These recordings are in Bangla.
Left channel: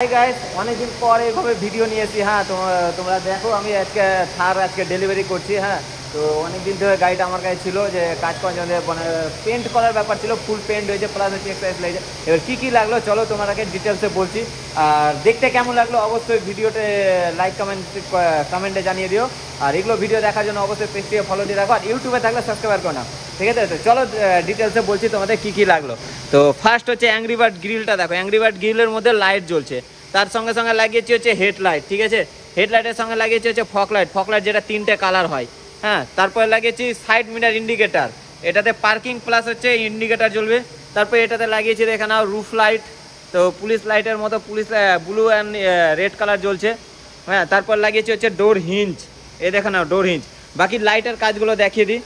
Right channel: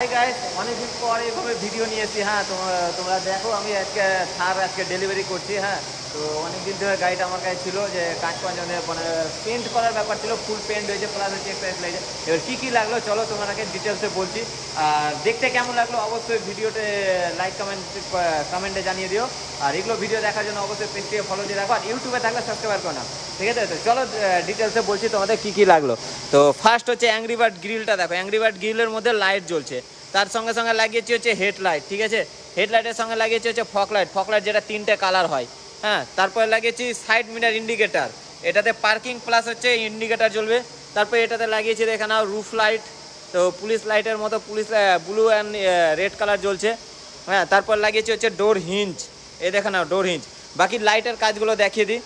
হাই গাইস, অনেকদিন পর এইভাবে ভিডিও নিয়েছি। হ্যাঁ, তোমরা দেখো আমি আজকে ডেলিভারি করছি। হ্যাঁ, তো অনেকদিন ধরে গাড়িটা আমার কাছে ছিল, যে কাজ করার জন্য মানে পেন্ট করার ব্যাপার ছিল, ফুল পেন্ট হয়েছে, প্লাস হচ্ছে এক্সারসাইজ লাগছে। এবার কী কী লাগলো চলো তোমাকে ডিটেলসে বলছি। আর দেখতে কেমন লাগলো অবশ্যই ভিডিওতে লাইক কমেন্টে জানিয়ে দিও। আর এগুলো ভিডিও দেখার জন্য অবশ্যই পেজটিকে ফলো দিয়ে রাখো, আর ইউটিউবে থাকলে সাবস্ক্রাইব করো না। ঠিক আছে, তো চলো ডিটেলসে বলছি তোমাদের কী কী লাগলো। তো ফার্স্ট হচ্ছে অ্যাংরি বার্ড গ্রিলটা দেখো, অ্যাংরি বার্ড গ্রিলের মধ্যে লাইট জ্বলছে, তার সঙ্গে সঙ্গে লাগিয়েছি হচ্ছে হেডলাইট। ঠিক আছে, হেডলাইটের সঙ্গে লাগিয়েছি হচ্ছে ফকলাইট যেটা 3টে কালার হয়। হ্যাঁ, তারপরে লাগিয়েছি সাইড মিরার ইন্ডিকেটার, এটাতে পার্কিং প্লাস হচ্ছে ইন্ডিকেটার জ্বলবে। তারপরে এটাতে লাগিয়েছি দেখে নাও রুফ লাইট, তো পুলিশ লাইটের মতো police blue and red colour জ্বলছে। হ্যাঁ, তারপর লাগিয়েছি হচ্ছে ডোর হিঞ্জ, এ দেখে নাও ডোর হিঞ্জ। বাকি লাইটের কাজগুলো দেখিয়ে দিই।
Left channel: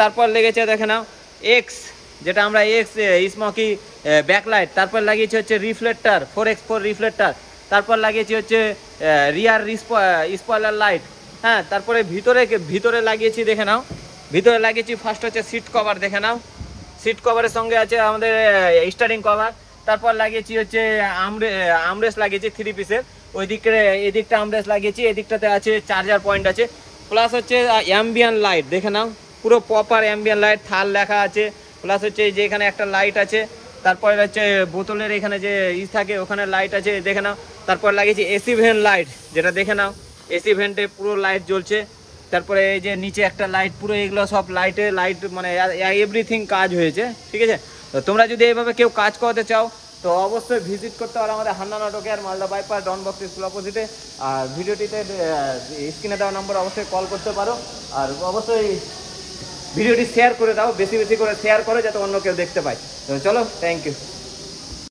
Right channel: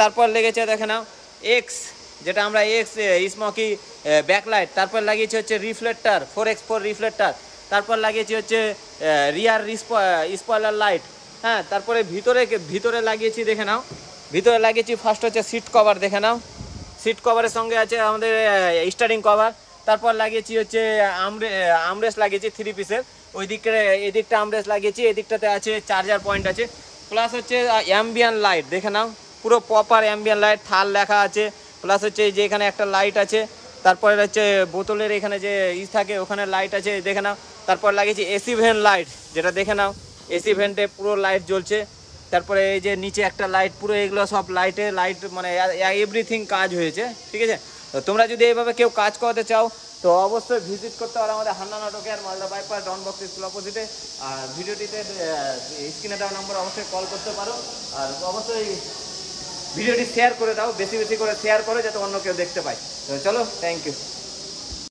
তারপর লেগেছে দেখে নাও এক্স, যেটা আমরা এক্স স্মোকি ব্যাকলাইট। তারপর লাগিয়েছি হচ্ছে রিফ্লেক্টার 4x4 রিফ্লেক্টার। তারপর লাগিয়েছি হচ্ছে রিয়ার স্পয়লার লাইট। হ্যাঁ, তারপরে ভিতরে লাগিয়েছি দেখে নাও, ভিতরে লাগিয়েছি ফার্স্ট হচ্ছে সিট কভার দেখে নাও, সিট কভারের সঙ্গে আছে আমাদের স্টারিং কভার। তারপর লাগিয়েছি হচ্ছে আমরেস্ট লাগিয়েছি 3 পিসের, এদিকটা আমরেস্ট লাগিয়েছি, এদিকটাতে আছে চার্জার পয়েন্ট আছে, প্লাস হচ্ছে অ্যাম্বিয়ান লাইট দেখে নাও, পুরো প্রপার অ্যাম্বিয়ান লাইট, থাল লেখা আছে। প্লাস হচ্ছে যে এখানে একটা লাইট আছে, তারপরে হচ্ছে বোতলের এখানে যে থাকে ওখানে লাইট আছে দেখে নাও। তারপর লাগিয়েছি এসি ভেন্ট লাইট, যেটা দেখে নাও এসি ভেন্টে পুরো লাইট জ্বলছে। তারপরে এই যে নিচে একটা লাইট, পুরো এগুলো সব লাইট মানে এভরিথিং কাজ হয়েছে। ঠিক আছে, তো তোমরা যদি এইভাবে কেউ কাজ করাতে চাও তো অবশ্যই ভিজিট করতে পারো আমাদের হান্না নাটকে আর মালদা বাইপাস ডন বক্স স্কুল অপোজিটে। আর ভিডিওটিতে স্ক্রিনে দেওয়া নম্বর অবশ্যই কল করতে পারো। আর অবশ্যই ভিডিওটি শেয়ার করে দাও, বেশি বেশি করে শেয়ার করো যাতে অন্য কেউ দেখতে পায়। তো চলো, থ্যাংক ইউ।